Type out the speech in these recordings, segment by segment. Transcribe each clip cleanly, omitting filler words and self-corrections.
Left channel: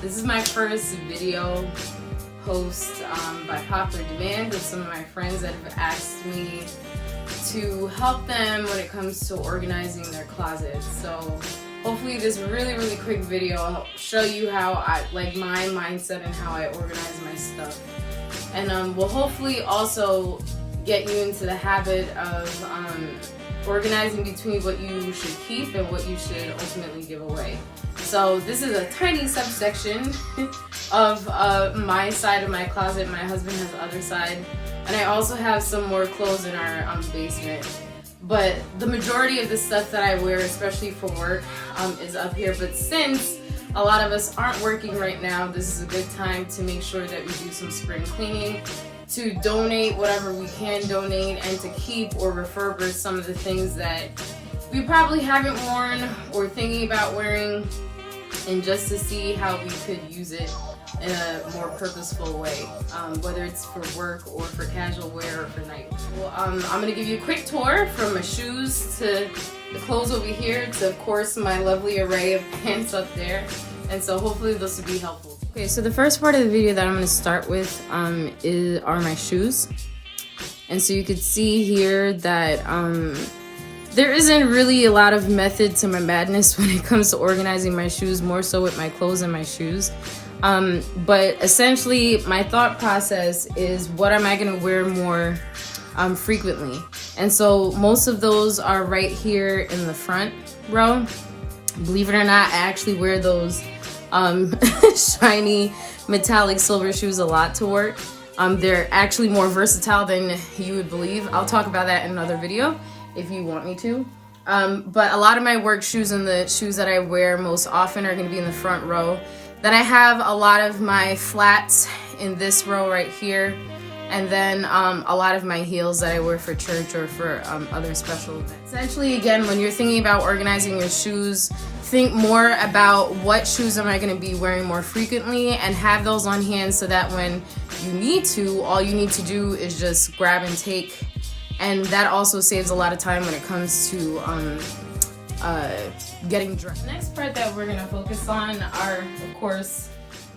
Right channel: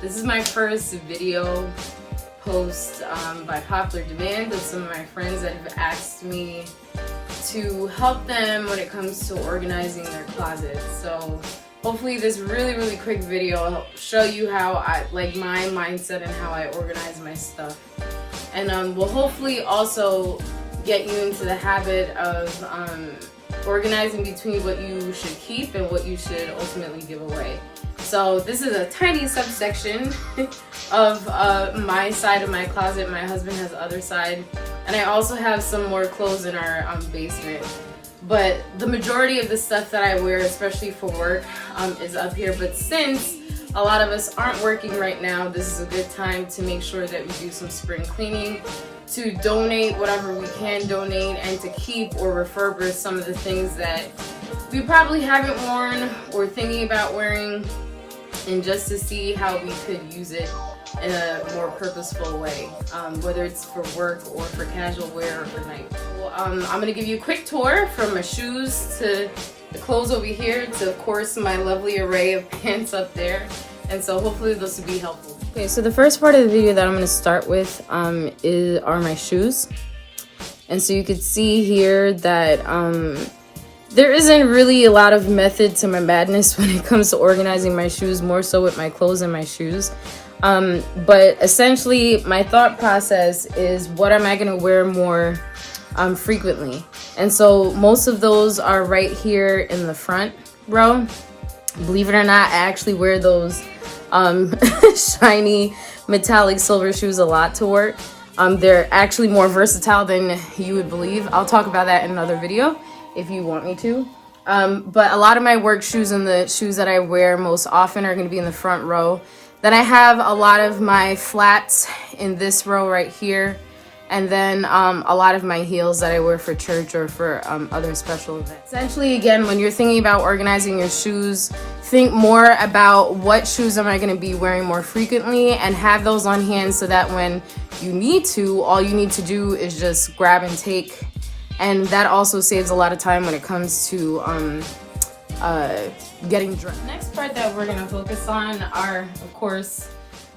This is my first video post by popular demand of some of my friends that have asked me to help them when it comes to organizing their closets. So hopefully this really quick video will show you how I like my mindset and how I organize my stuff, and will hopefully also get you into the habit of organizing between what you should keep and what you should ultimately give away. So this is a tiny subsection of my side of my closet. My husband has the other side, and I also have some more clothes in our basement. But the majority of the stuff that I wear, especially for work, is up here. But since a lot of us aren't working right now, this is a good time to make sure that we do some spring cleaning, to donate whatever we can donate, and to keep or refurbish some of the things that we probably haven't worn or thinking about wearing, and just to see how we could use it in a more purposeful way, whether it's for work or for casual wear or for night. Well, I'm gonna give you a quick tour from my shoes to the clothes over here to, of course, my lovely array of pants up there. And so hopefully this will be helpful. Okay, so the first part of the video that I'm gonna start with are my shoes. And so you could see here that there isn't really a lot of method to my madness when it comes to organizing my shoes, more so with my clothes and my shoes. But essentially my thought process is, what am I gonna wear more frequently? And so most of those are right here in the front row. Believe it or not, I actually wear those shiny metallic silver shoes a lot to work. They're actually more versatile than you would believe. I'll talk about that in another video if you want me to. But a lot of my work shoes and the shoes that I wear most often are gonna be in the front row. Then I have a lot of my flats in this row right here. And then a lot of my heels that I wear for church or for other special events. Essentially, again, when you're thinking about organizing your shoes, think more about what shoes am I going to be wearing more frequently, and have those on hand so that when you need to, all you need to do is just grab and take. And that also saves a lot of time when it comes to getting dressed. The next part that we're going to focus on are, of course,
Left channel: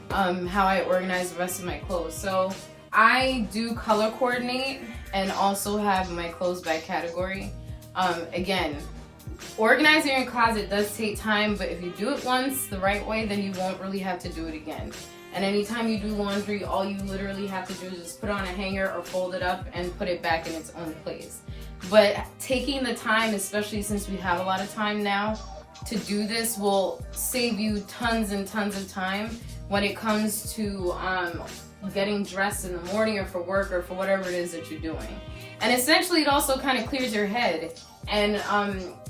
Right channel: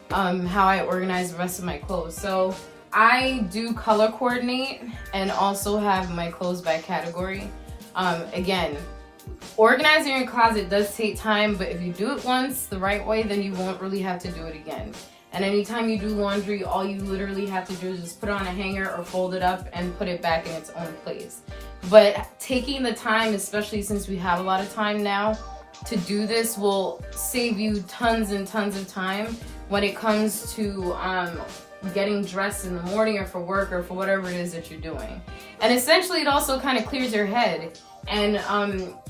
how I organize the rest of my clothes. So I do color coordinate and also have my clothes by category. Again, organizing your closet does take time, but if you do it once the right way, then you won't really have to do it again. And anytime you do laundry, all you literally have to do is just put it on a hanger or fold it up and put it back in its own place. But taking the time, especially since we have a lot of time now, to do this will save you tons and tons of time when it comes to getting dressed in the morning or for work or for whatever it is that you're doing. And essentially it also kind of clears your head and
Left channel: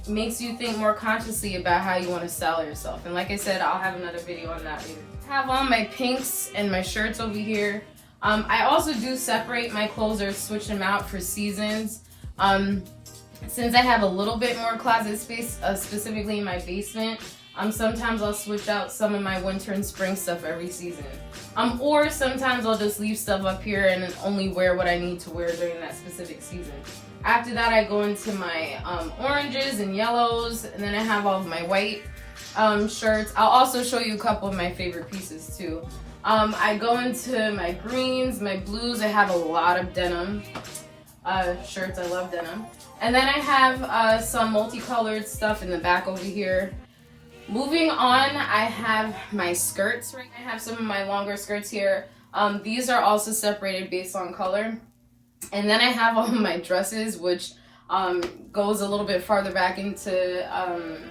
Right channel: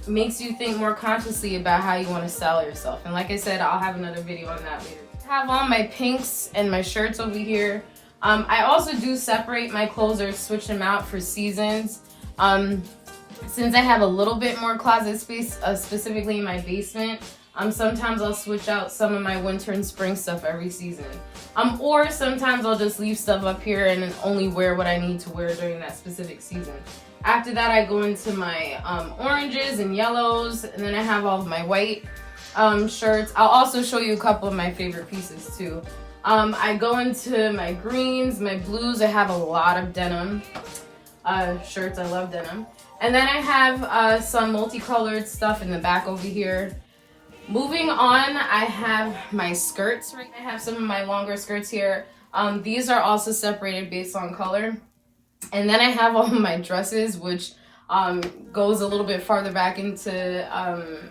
makes you think more consciously about how you want to style yourself. And like I said, I'll have another video on that later. I have on my pinks and my shirts over here. I also do separate my clothes or switch them out for seasons. Since I have a little bit more closet space, specifically in my basement, sometimes I'll switch out some of my winter and spring stuff every season. Or sometimes I'll just leave stuff up here and only wear what I need to wear during that specific season. After that, I go into my oranges and yellows, and then I have all of my white shirts. I'll also show you a couple of my favorite pieces too. I go into my greens, my blues. I have a lot of denim shirts. I love denim. And then I have some multicolored stuff in the back over here. Moving on, I have my skirts. Right, I have some of my longer skirts here. These are also separated based on color. And then I have all of my dresses, which goes a little bit farther back into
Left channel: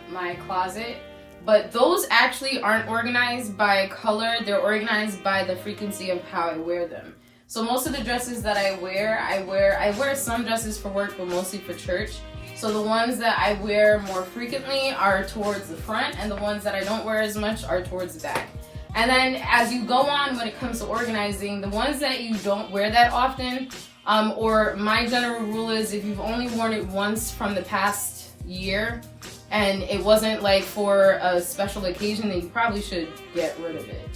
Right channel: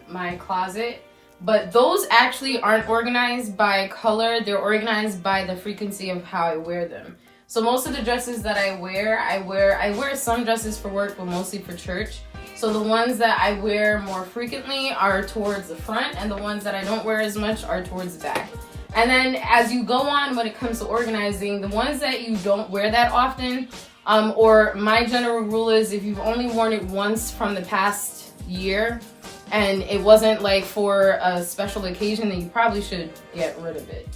my closet. But those actually aren't organized by color. They're organized by the frequency of how I wear them. So most of the dresses that I wear some dresses for work, but mostly for church. So the ones that I wear more frequently are towards the front, and the ones that I don't wear as much are towards the back. And then as you go on when it comes to organizing, the ones that you don't wear that often, or my general rule is if you've only worn it once from the past year, and it wasn't like for a special occasion, then you probably should get rid of it.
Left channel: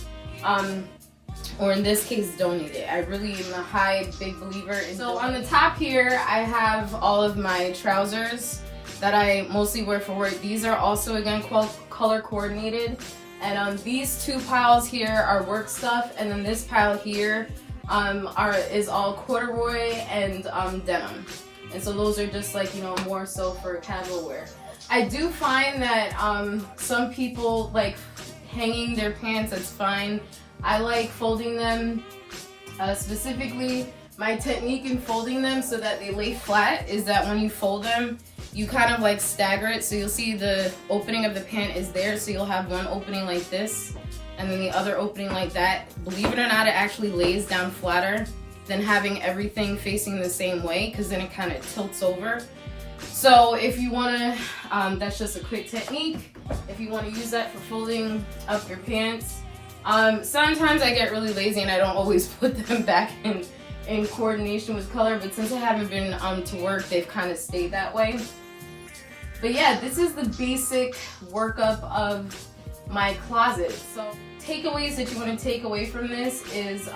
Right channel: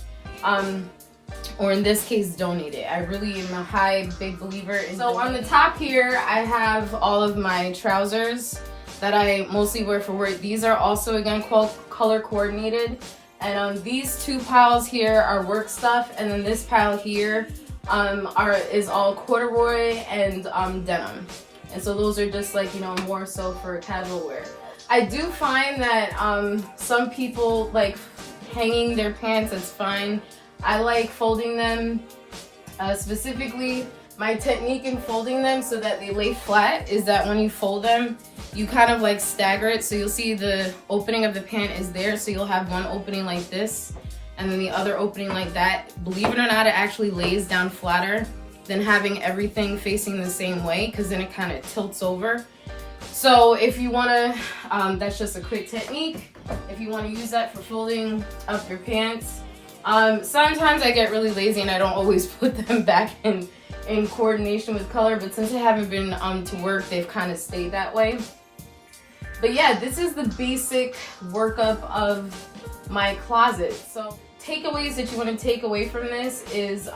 Or in this case, donate it. I really am a big believer in So on the top here, I have all of my trousers that I mostly wear for work. These are also, again, color coordinated. And these two piles here are work stuff, and then this pile here is all corduroy and denim. And so those are just like, you know, more so for casual wear. I do find that some people like hanging their pants, that's fine. I like folding them. Specifically, my technique in folding them so that they lay flat is that when you fold them, you kind of like stagger it. So you'll see the opening of the pant is there. So you'll have one opening like this and then the other opening like that. Believe it or not, it actually lays down flatter than having everything facing the same way, because then it kind of tilts over. So if you want to, that's just a quick technique. If you want to use that for folding up your pants. Sometimes I get really lazy and I don't always put them back in coordination with color, but since I haven't been to work, they've kind of stayed that way. But yeah, this is the basic workup of my closet. So takeaways that you want to take away from this is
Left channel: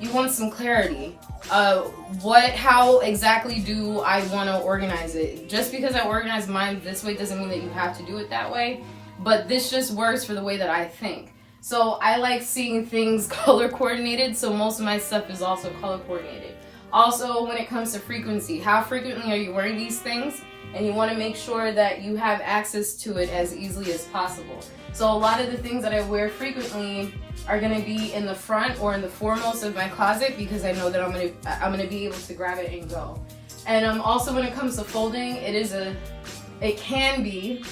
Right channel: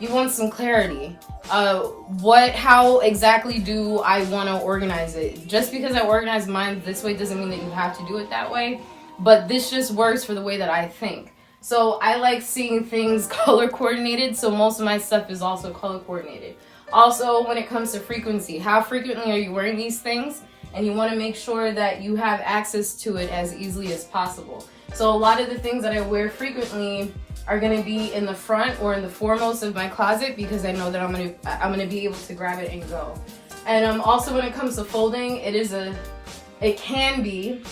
you want some clarity. How exactly do I want to organize it? Just because I organize mine this way doesn't mean that you have to do it that way, but this just works for the way that I think. So I like seeing things color coordinated, so most of my stuff is also color coordinated. Also, when it comes to frequency, how frequently are you wearing these things? And you want to make sure that you have access to it as easily as possible. So a lot of the things that I wear frequently are going to be in the front or in the foremost of my closet, because I know that I'm going to be able to grab it and go. And also when it comes to folding, it can be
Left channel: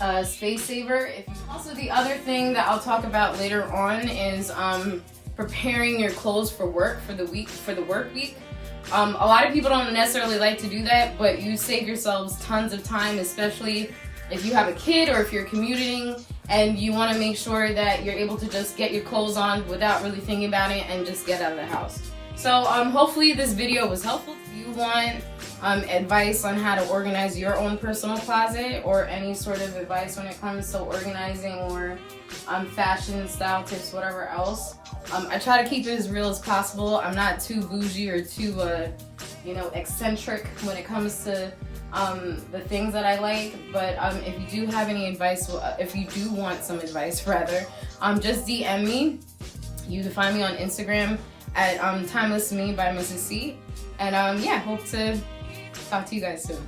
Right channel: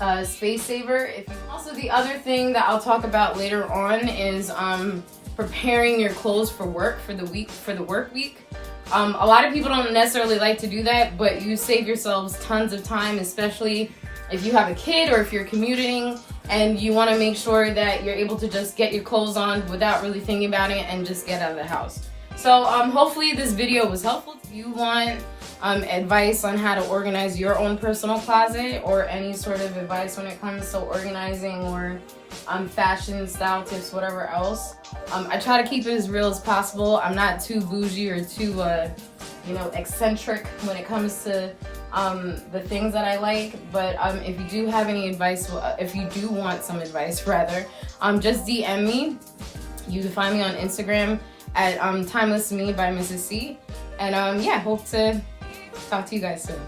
a space saver. Also, the other thing that I'll talk about later on is preparing your clothes for work for the work week. A lot of people don't necessarily like to do that, but you save yourselves tons of time, especially if you have a kid or if you're commuting and you want to make sure that you're able to just get your clothes on without really thinking about it and just get out of the house. So hopefully this video was helpful. If you want advice on how to organize your own personal closet, or any sort of advice when it comes to organizing, or fashion, style tips, whatever else, I try to keep it as real as possible. I'm not too bougie or too eccentric when it comes to the things that I like. But if you do have any advice, if you do want some advice rather, just DM me. You can find me on Instagram at Timeless Me by Mrs. C. And yeah, hope to talk to you guys soon.